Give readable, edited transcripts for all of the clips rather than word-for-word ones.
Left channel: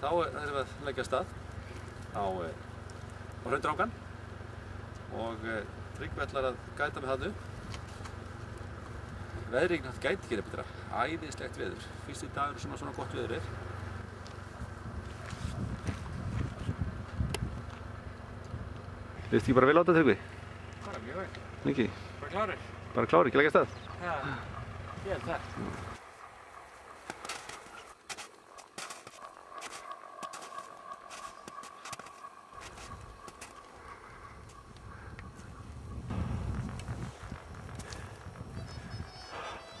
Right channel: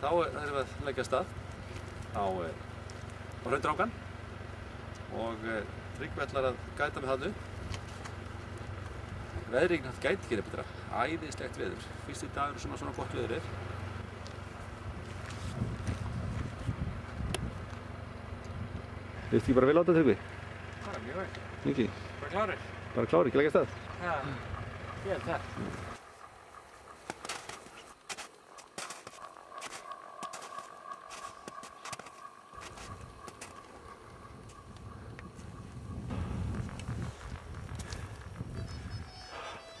Þá erum við að leggja af stað á Hraundrangann og Tryggvi ætlar að gæta með þarna upp. Veðrið gæti ekki betra, æðislegt veður. Fyrsti dagur svona gott veður er. Leist ekki bara vel á þetta, Tryggvi? Bara mjög vel. Mikið? Bara klárir. Bara klárir, ekki leggja af stað? Já, ég held það.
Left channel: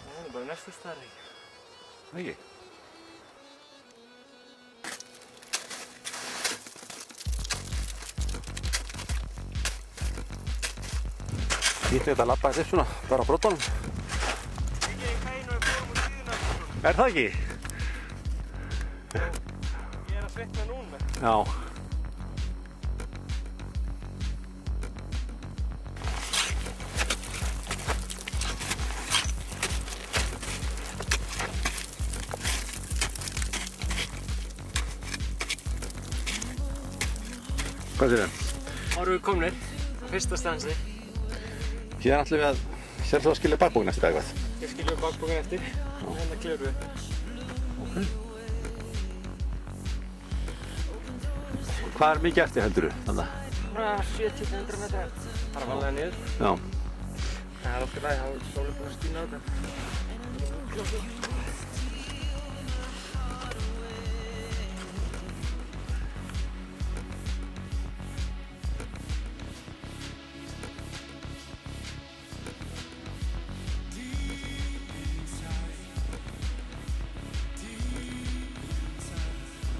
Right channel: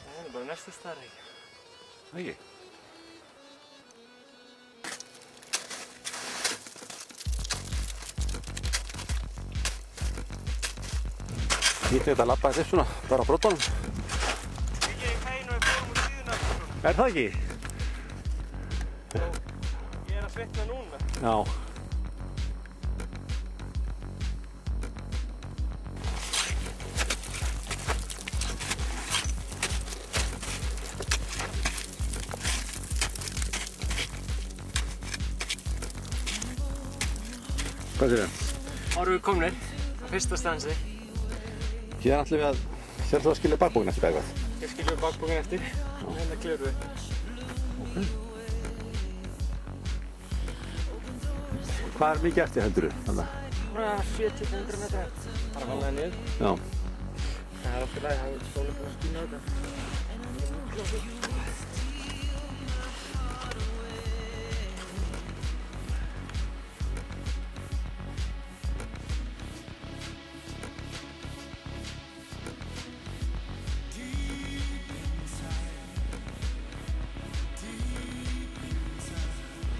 Það er bara næstu staðar ekki. Ekki? Gítlegt að labba þetta upp svona, bara á brotunum. Ekki í kæinu og fórum úr síðuna. Er það ekki? Ég er að svitna núna. Já. Hvað sér það? Þá erum við komnir á fyrsta stansi. Hérna ætlum við að, sér þú að skilja bakbókinn eftir eitthvað? Hér skiljum við bakbókinn eftir og hérna klifrum við. Hvað er mikið eftir heldurðu? Þannig? Svona 70-100 metrar. Bara varlega niður. Já. Það er okkur lagi, þá er sólinn búinn að skína á þetta.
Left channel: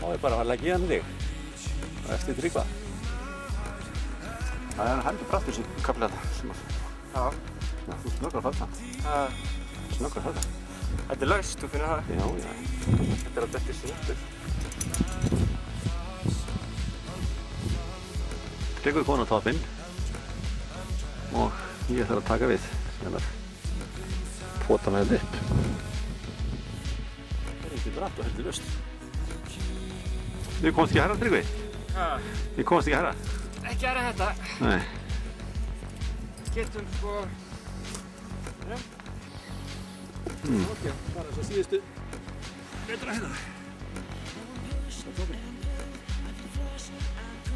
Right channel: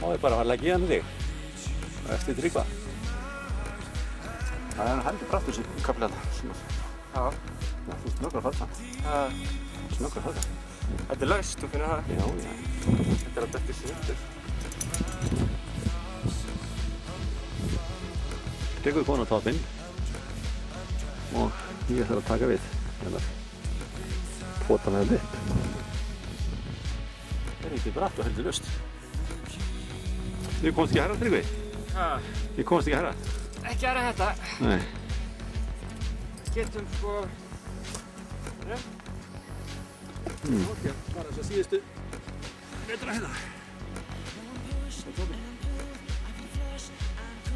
Þá er bara að leggja í hann þig. Og eftir Tryggva. Það er heldur brattur þessi kafli þarna. Já. Já, þú snöggar að falla. Snöggar að falla. Þetta er laust, þú finnir það? Já, já. Þetta er að dekka sér eftir. Tryggvi komin á toppinn. Og ég þarf að taka við. Hérna. Pota með þetta upp. Það er ekki bratt og heldur laust. Þið komst ekki herra, Tryggvi? Hæ? Þið komst ekki herra? Ekki aðra þetta. Nei. Getum sko... Ok, bara þess að síðustu metra hérna. Það er toppinn.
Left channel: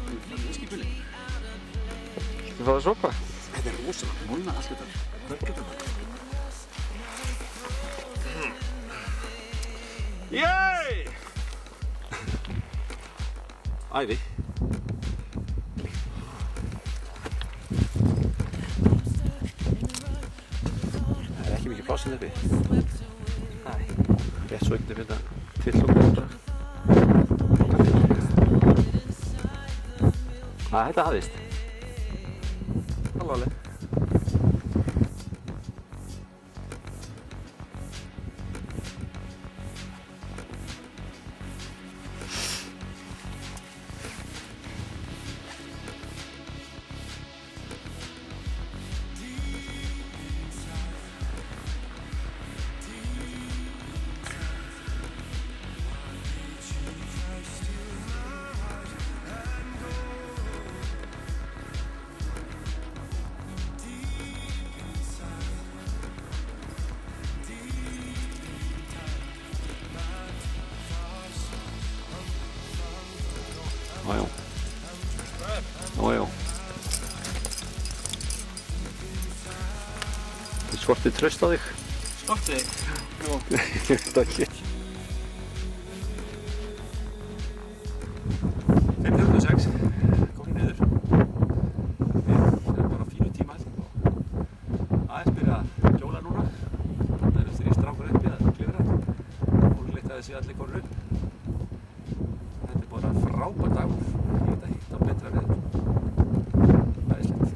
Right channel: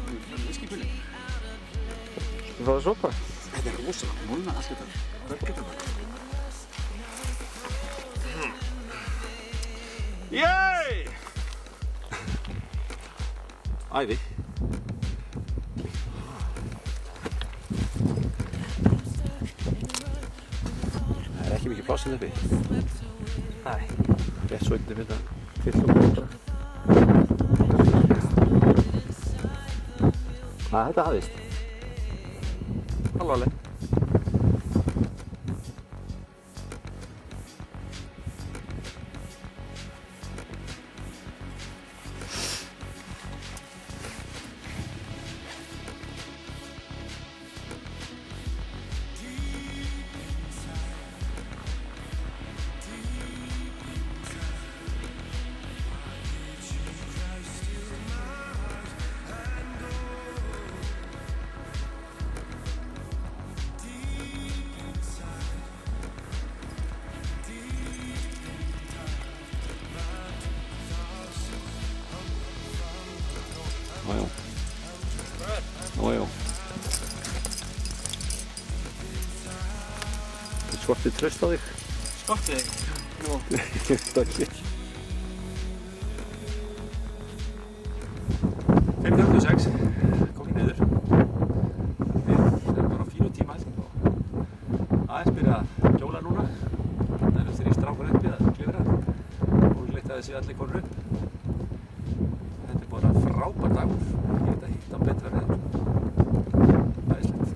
Það er viskipulli. Þú fáðu sopa? Þetta er rosalega molna allt þetta. Hvað getur það? Yey! Æði. Það er ekki mikið pláss hérna uppi. Nei. Rétt svo ekki þetta tillokkur bara. Þetta hafðist. Alvarleg. Jájá. Jájá. Þú skortið traust á þig. Skortið þig? Nú. Ég veit það ekki. 5:36, komin niður. Við erum bara á fínu tíma held ég og aðeins byrja að hjóla núna. Þarna eru 3 strákar uppi að klifra. Ólíklegt að þessi allir konur upp. Þetta er bara frábær dagur. Ég get að hitta á betra veður. Æðislegt.